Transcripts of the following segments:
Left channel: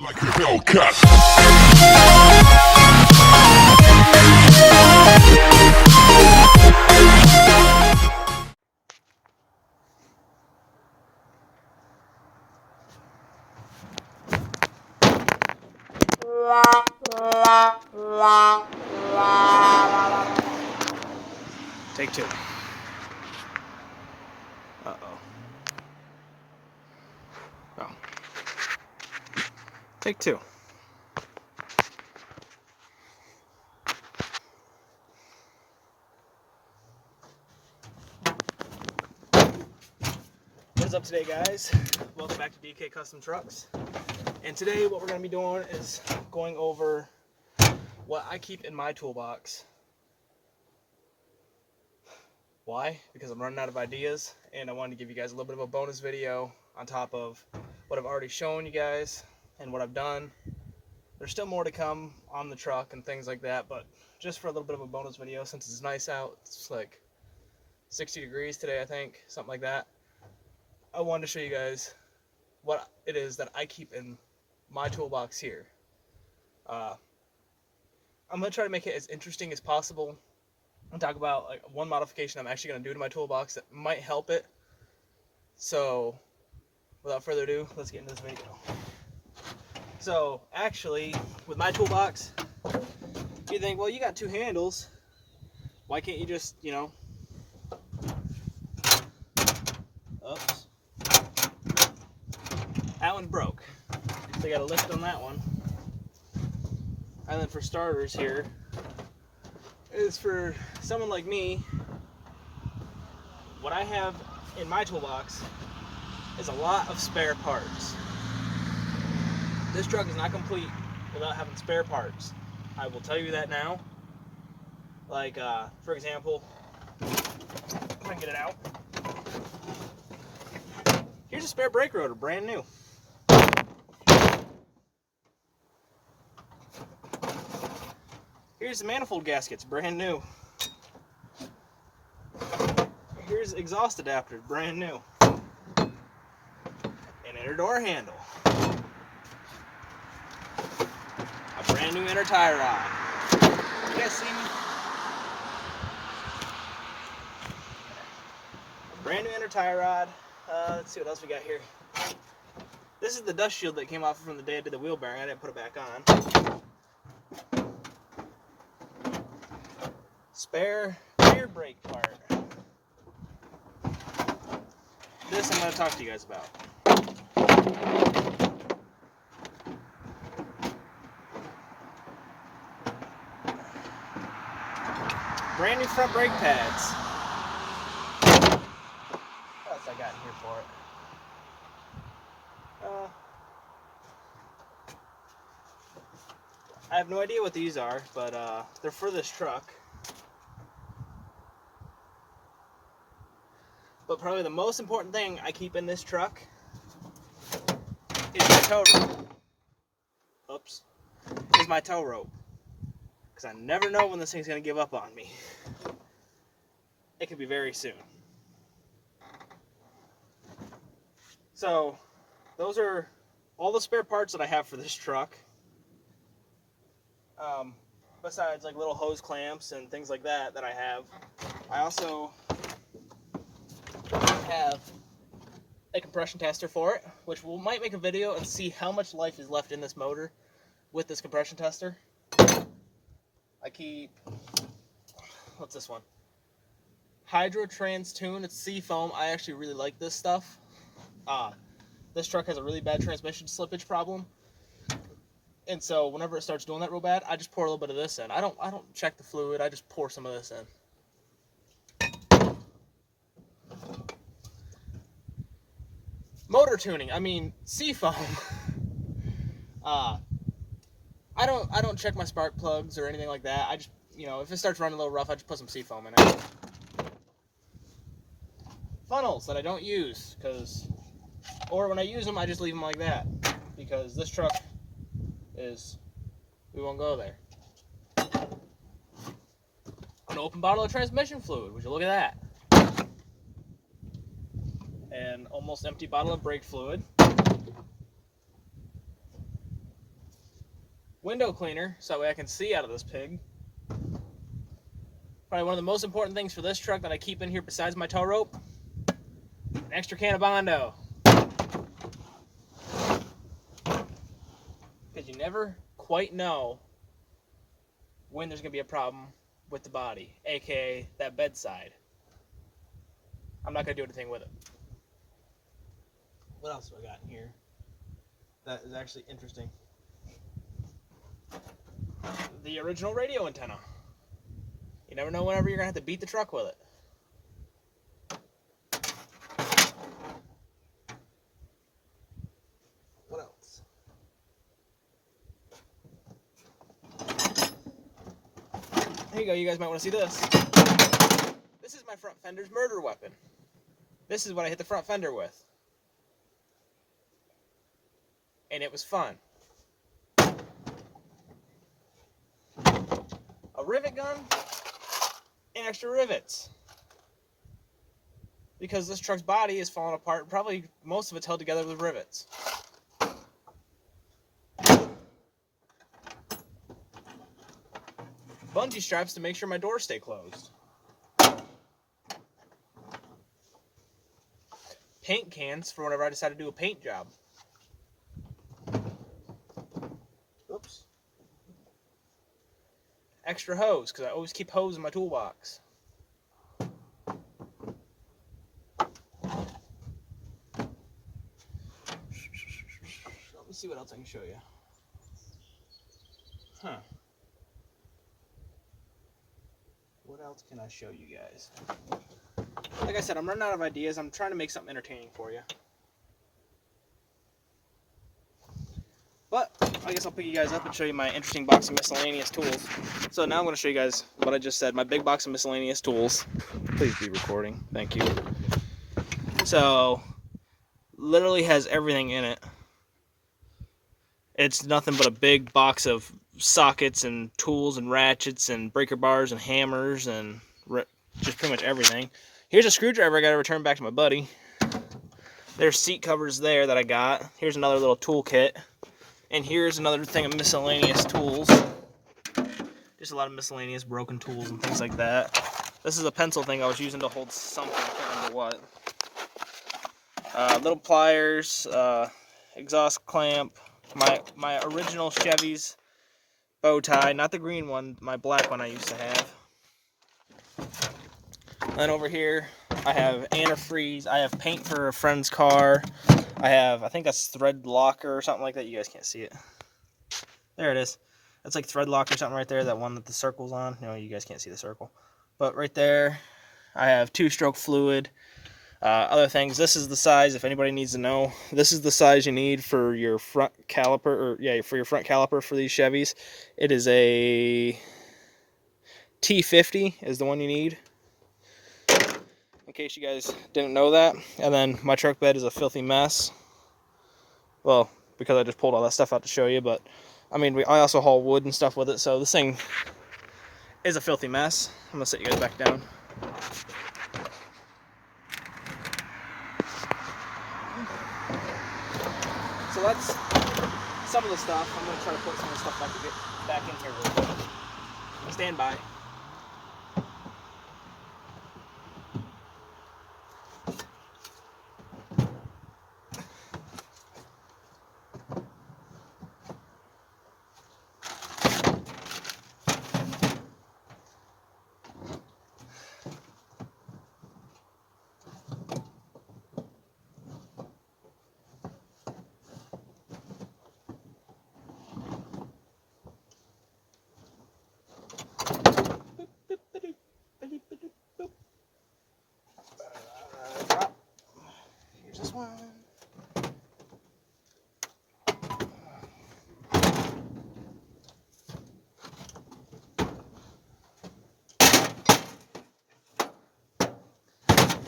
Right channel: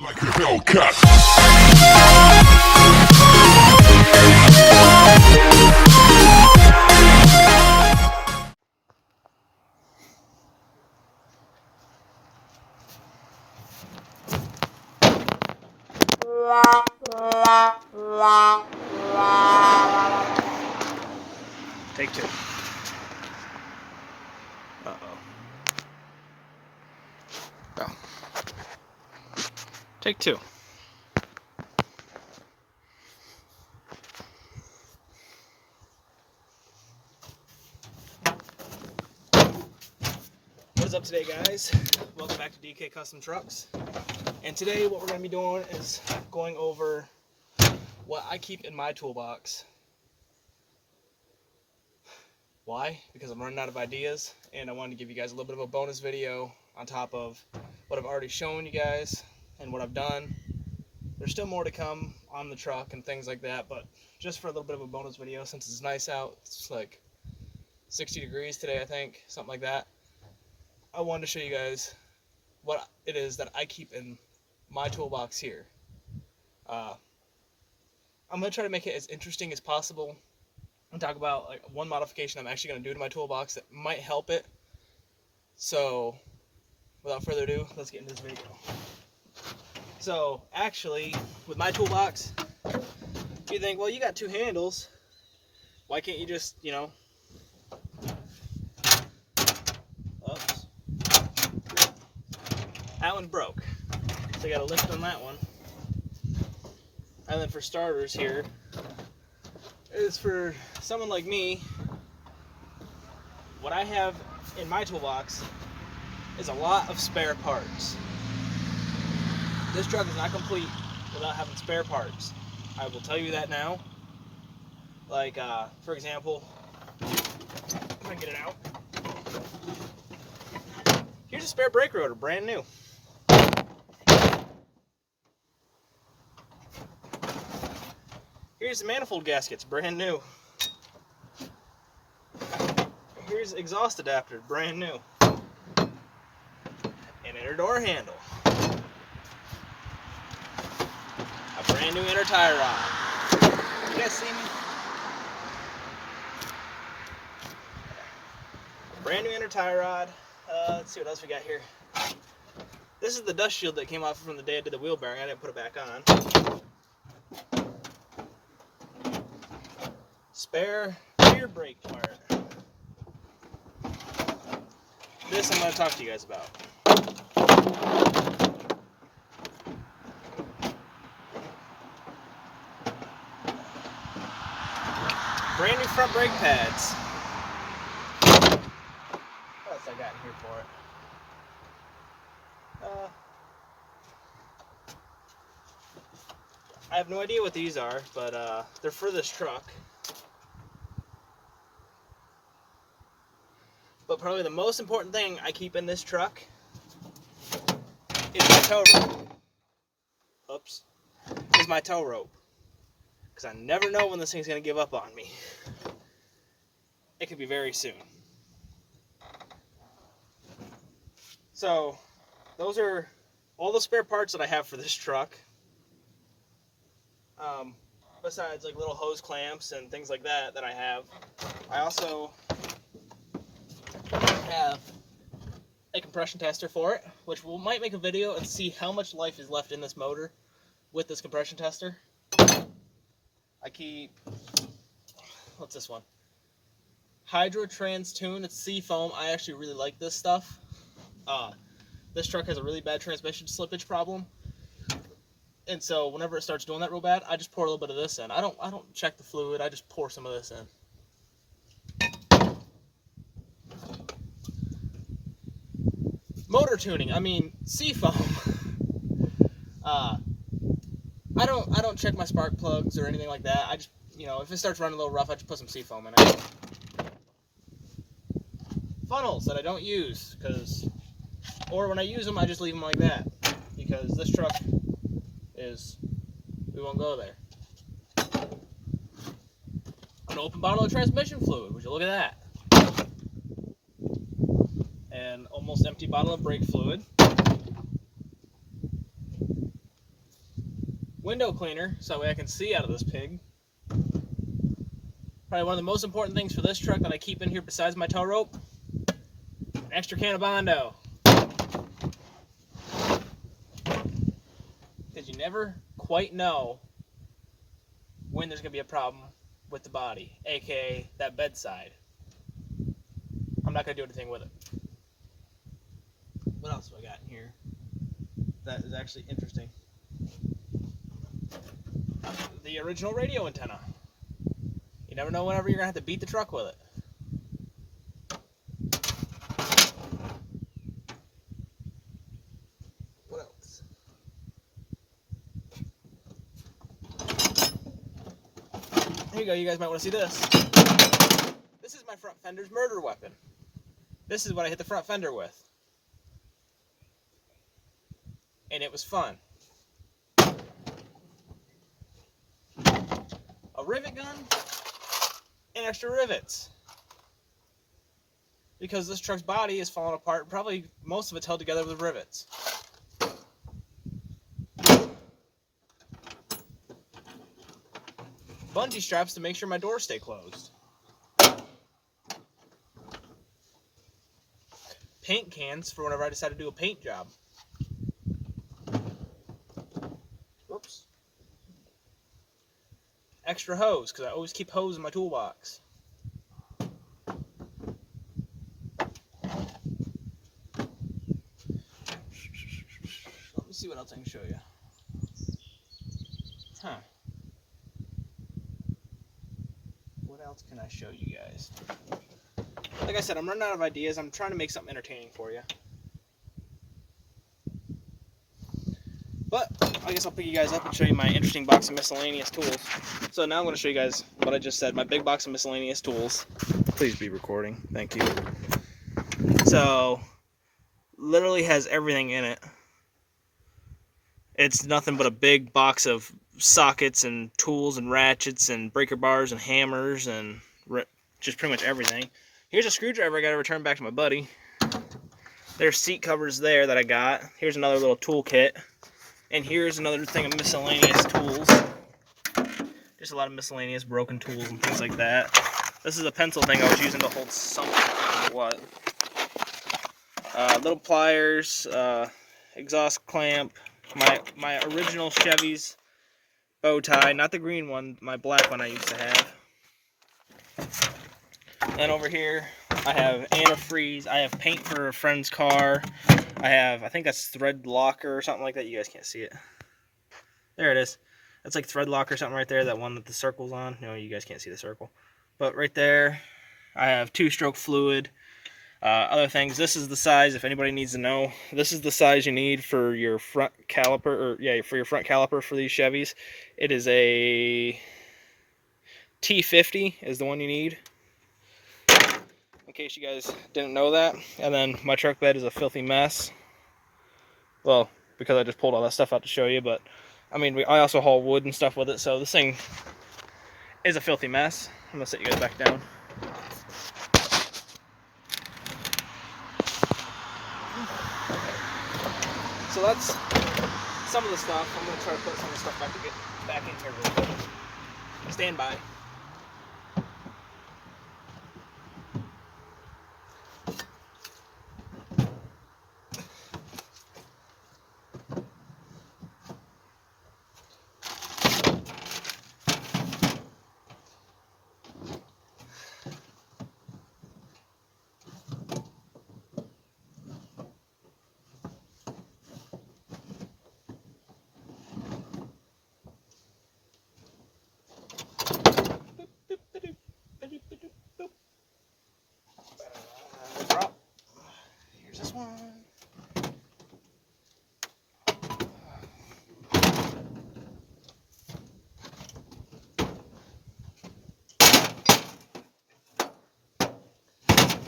Like a Hellcat. Take two. Uh-oh. Oh. Take two. What is up today, guys? Welcome back to DK Custom Trucks. And today what we're going to be doing is going over what I keep in my toolbox. Why? Because I'm running out of ideas, and I wanted to give you guys a little bit of a bonus video on top of what I've already shown you guys and what I've done. There's still more to come on the truck and things like that, but just for a little bit of a bonus video, since it's nice out, it's like 60 degrees today, I think, something like that. I wanted to show you guys what it is that I keep in my toolbox here. I'm going to try to make it as interesting as possible and talk about like one modification I'm actually going to do to my toolbox that might help it. So, without further ado, let's get into this video. So, actually, with my toolbox, you think, well, you got two handles. Why can't you just, oops. That one's broke. So, I got a lift on that one. And then for starters here, is for someone like me, what I have in my toolbox is a lot of spare parts. This truck is not complete without having spare parts. I will tell you that now. Like, for example, if I can get it out. Here's a spare brake rotor, brand new. Here's the manifold gaskets, brand new. Here's exhaust adapter, brand new. An inner door handle. A brand new inner tie rod. You guys see me? A brand new inner tie rod. Let's see what else we got here. This is the dust shield that came off from the day I did the wheel bearing. I didn't put it back on. Spare rear brake part. This I'm going to talk to you guys about. Brand new front brake pads. What else I got in here for it? I have no idea what these are, but they're for this truck. But probably the most important thing I keep in this truck is my tow rope. Oops. Is my tow rope. Because I never know when this thing's going to give up on me. It could be very soon. So, those are all the spare parts that I have for this truck. Besides like little hose clamps and things like that I have. I also have a compression tester for it, which we might make a video and see how much life is left in this motor with this compression tester. I keep, what's this one? Hydrotrans Tune. It's Seafoam. I actually really like this stuff. This truck has a really bad transmission slippage problem, and so whenever it starts doing that real bad, I just pour a little bit of this in. I don't check the fluid. I just pour some of this in. Motor tuning. I mean, Seafoam. I don't check my spark plugs or anything like that. I just, if it starts running a little rough, I just put some Seafoam in it. Funnels that I don't use, or when I use them, I just leave them like that, because this truck we won't go there. An open bottle of transmission fluid. Would you look at that? An almost empty bottle of brake fluid. window cleaner so that way I can see out of this pig. Probably one of the most important things for this truck that I keep in here besides my tow rope, an extra can of Bondo. Because you never quite know when there's going to be a problem with the body, aka that bedside. I'm not going to do anything with it. What else do I got in here that is actually interesting? The original radio antenna. You never know whenever you're going to have to beat the truck with it. What else? Here you go, you guys might want to see this. This is my front fender's murder weapon. This is what I hit the front fender with. And it was fun. A rivet gun and extra rivets. Because this truck's body is falling apart, probably most of it's held together with rivets. Bungee straps to make sure my doors stay closed. Paint cans for whenever I decide to do a paint job. Oops. Extra hose, because I always keep hose in my toolbox. Let me see what else I can show you. Huh. What else can I show you guys? Like I said, I'm running out of ideas. I'm trying to make something entertaining for you. But I guess I'll pick you guys up and show you my interesting box of miscellaneous tools. So now I'm going to show you guys what I just said, my big box of miscellaneous tools. Please be recording. Thank you. So, literally has everything in it. It's nothing but a big box of sockets and tools and ratchets and breaker bars and hammers and just pretty much everything. Here's a screwdriver I got to return back to my buddy. There's seat covers there that I got. Here's another little tool kit. And here's another thing of miscellaneous tools. Just a lot of miscellaneous broken tools and things like that. This is a pencil thing I was using to hold something. I can't remember what. Little pliers, exhaust clamp, my original Chevy's bow tie, not the green one, my black one I used to have. Then over here, I have antifreeze. I have paint for a friend's car. I think that's thread locker or something like that. You guys can't see it. There it is. That's like thread locker or something right there. That one that the circle's on. No, you guys can't see the circle. But right there, I have 2-stroke fluid. Other things. This is the size. If anybody needs to know, this is the size you need for your front caliper, for your front caliper for these Chevys. It is a T50 is the one you need. In case you guys didn't know that. And then my truck bed is a filthy mess. Well, because I just pulled all that stuff out to show you, but I mean, I also haul wood and stuff with it, so this thing is a filthy mess. I'm gonna sit you guys back down. So that's some of the stuff. I'm gonna try to put some of the stuff back in here real quick. Stand by. Drop. Here's this one.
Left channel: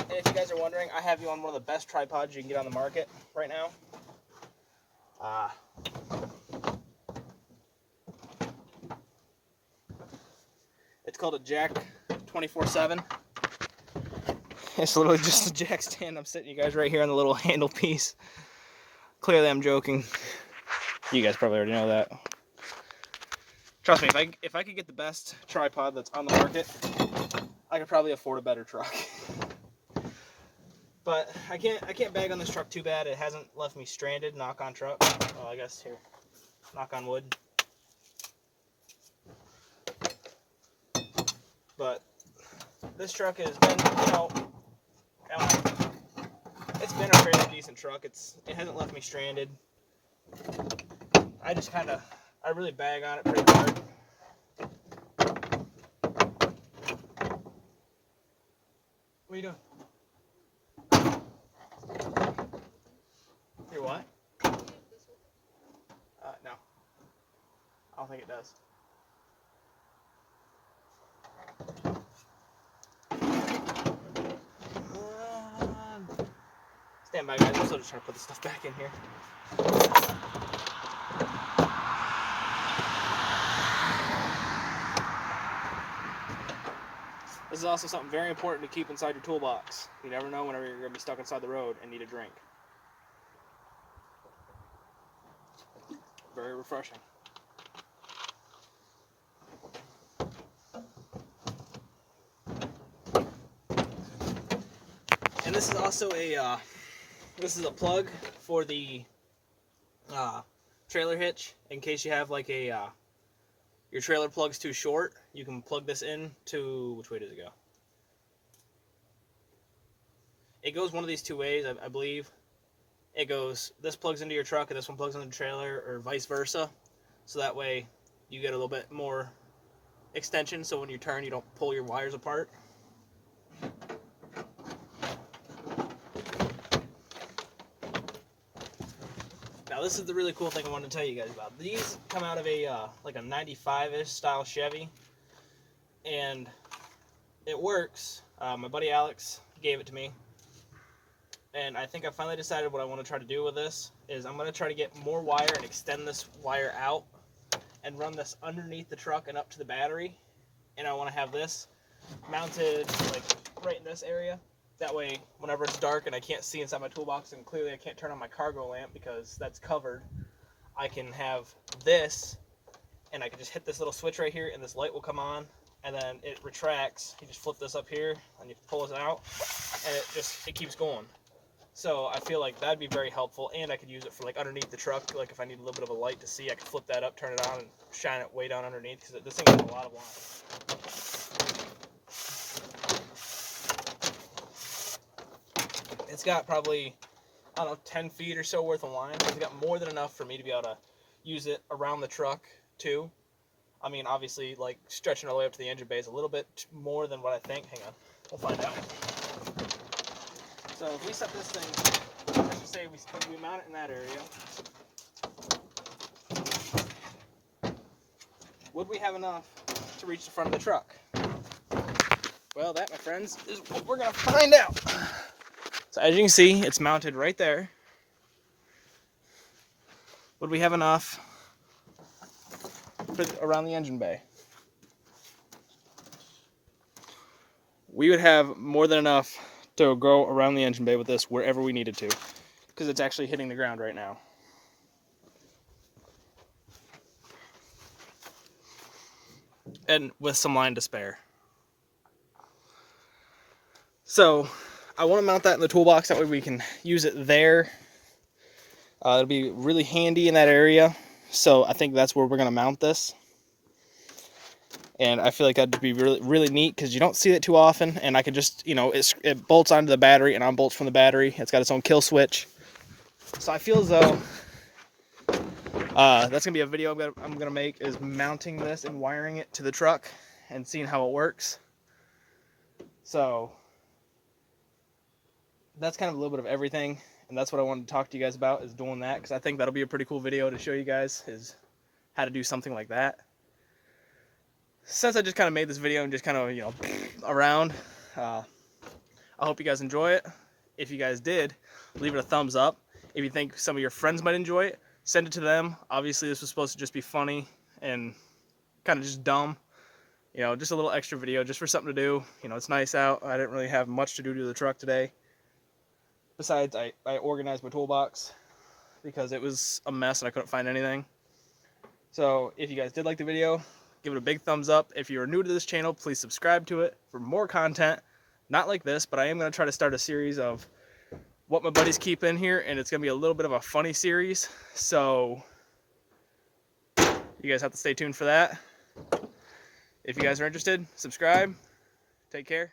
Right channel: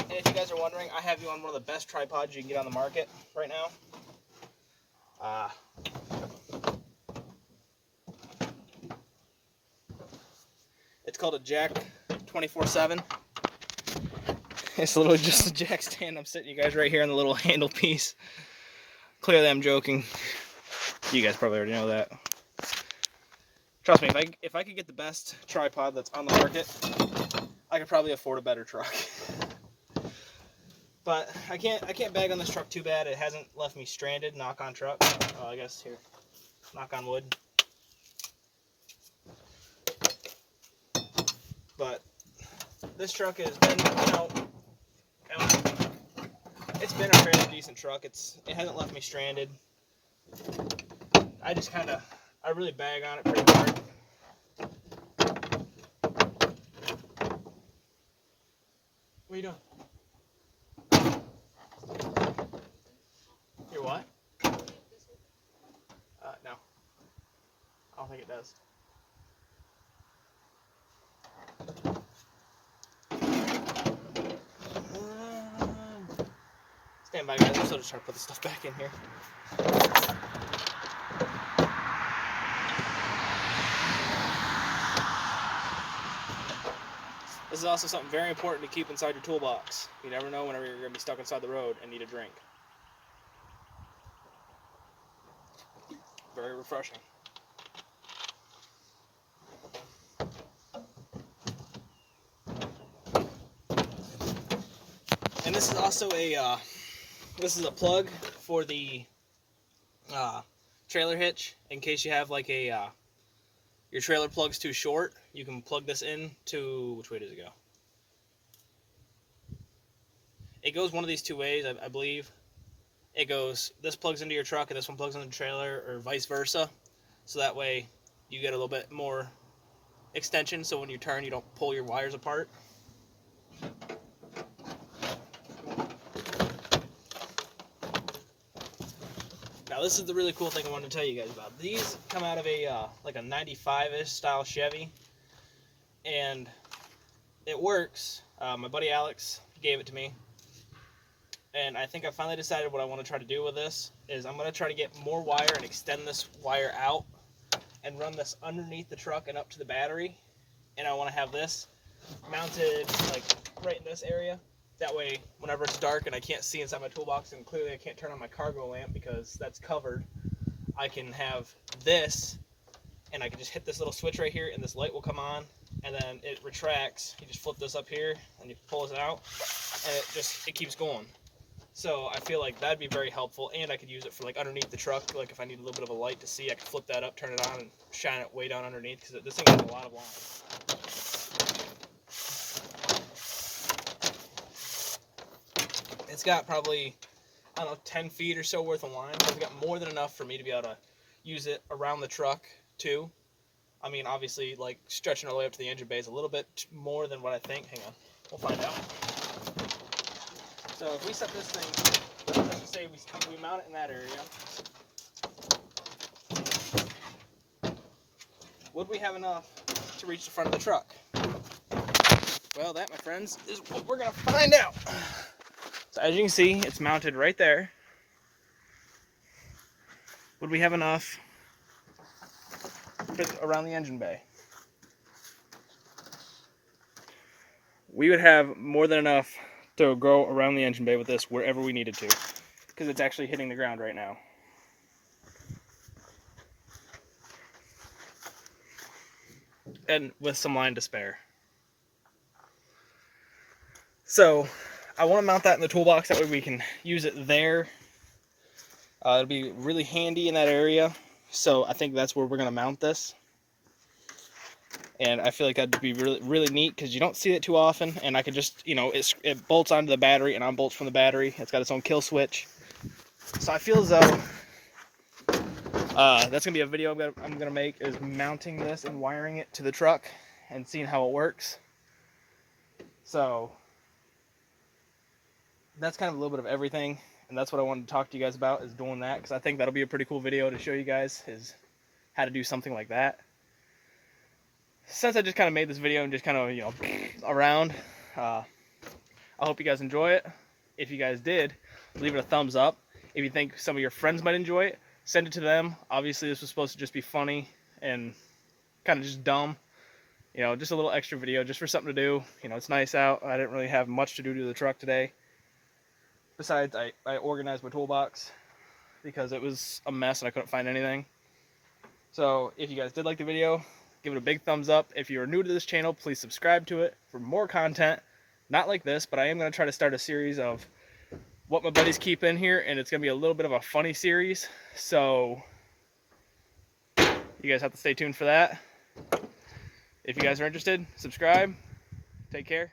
And if you guys are wondering, I have you on one of the best tripods you can get on the market right now. It's called a Jack 24/7. It's literally just a jack stand. I'm sitting you guys right here on the little handle piece. Clearly I'm joking. You guys probably already know that. Trust me, if I could get the best tripod that's on the market, I could probably afford a better truck. But I can't bag on this truck too bad. It hasn't left me stranded. Knock on truck. Oh, I guess here. Knock on wood. But this truck has been, you know, it's been a fairly decent truck. It hasn't left me stranded. I really bag on it pretty hard. What are you doing? Your what? No. I don't think it does. Stand by, guys. I'm still just trying to put the stuff back in here. This is also something very important to keep inside your toolbox. You never know whenever you're going to be stuck inside the road and need a drink. Very refreshing. And this is also a plug for the trailer hitch. In case you have like a your trailer plug's too short, you can plug this in to, which way does it go? It goes one of these two ways, I believe. It goes, this plugs into your truck and this one plugs into the trailer, or vice versa. So that way you get a little bit more extension, so when you turn you don't pull your wires apart. Now this is the really cool thing I wanted to tell you guys about. These come out of a like a 95-ish style Chevy, and it works. My buddy Alex gave it to me, and I think I finally decided what I want to try to do with this is I'm going to try to get more wire and extend this wire out and run this underneath the truck and up to the battery, and I want to have this mounted like right in this area. That way, whenever it's dark and I can't see inside my toolbox, and clearly I can't turn on my cargo lamp because that's covered, I can have this, and I can just hit this little switch right here, and this light will come on, and then it retracts. You just flip this up here, and you pull it out, and it keeps going. So I feel like that'd be very helpful, and I could use it for like underneath the truck. Like if I need a little bit of a light to see, I could flip that up, turn it on, and shine it way down underneath, because this thing has a lot of lines. It's got probably, I don't know, 10 feet or so worth of line. It's got more than enough for me to be able to use it around the truck too. I mean, obviously, like stretching all the way up to the engine bay is a little bit more than what I think. Hang on, we'll find out. So if we set this thing, let's just say we mount it in that area. Would we have enough to reach the front of the truck? Well, that, my friends, is what we're gonna find out. So as you can see, it's mounted right there. Would we have enough around the engine bay? We would have more than enough to go around the engine bay with this wherever we needed to, because it's actually hitting the ground right now. And with some line to spare. So I want to mount that in the toolbox, that way we can use it there. It'll be really handy in that area, so I think that's where we're going to mount this. And I feel like that'd be really, really neat, because you don't see it too often, and I could just, you know, it bolts onto the battery and unbolts from the battery. It's got its own kill switch. So I feel as though that's going to be a video I'm going to make, is mounting this and wiring it to the truck and seeing how it works. So that's kind of a little bit of everything, and that's what I wanted to talk to you guys about, is doing that, because I think that'll be a pretty cool video to show you guys, is how to do something like that. Since I just kind of made this video and just kind of, you know, around, I hope you guys enjoy it. If you guys did, leave it a thumbs up. If you think some of your friends might enjoy it, send it to them. Obviously, this was supposed to just be funny and kind of just dumb. You know, just a little extra video just for something to do. You know, it's nice out. I didn't really have much to do to the truck today. Besides, I organized my toolbox because it was a mess and I couldn't find anything. So if you guys did like the video, give it a big thumbs up. If you are new to this channel, please subscribe to it for more content. Not like this, but I am going to try to start a series of what my buddies keep in here, and it's going to be a little bit of a funny series. So you guys have to stay tuned for that. If you guys are interested, subscribe. Take care.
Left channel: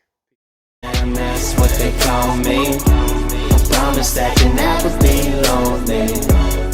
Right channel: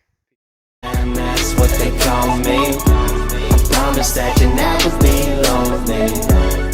And that's what they call me. I promise that you'll never be lonely.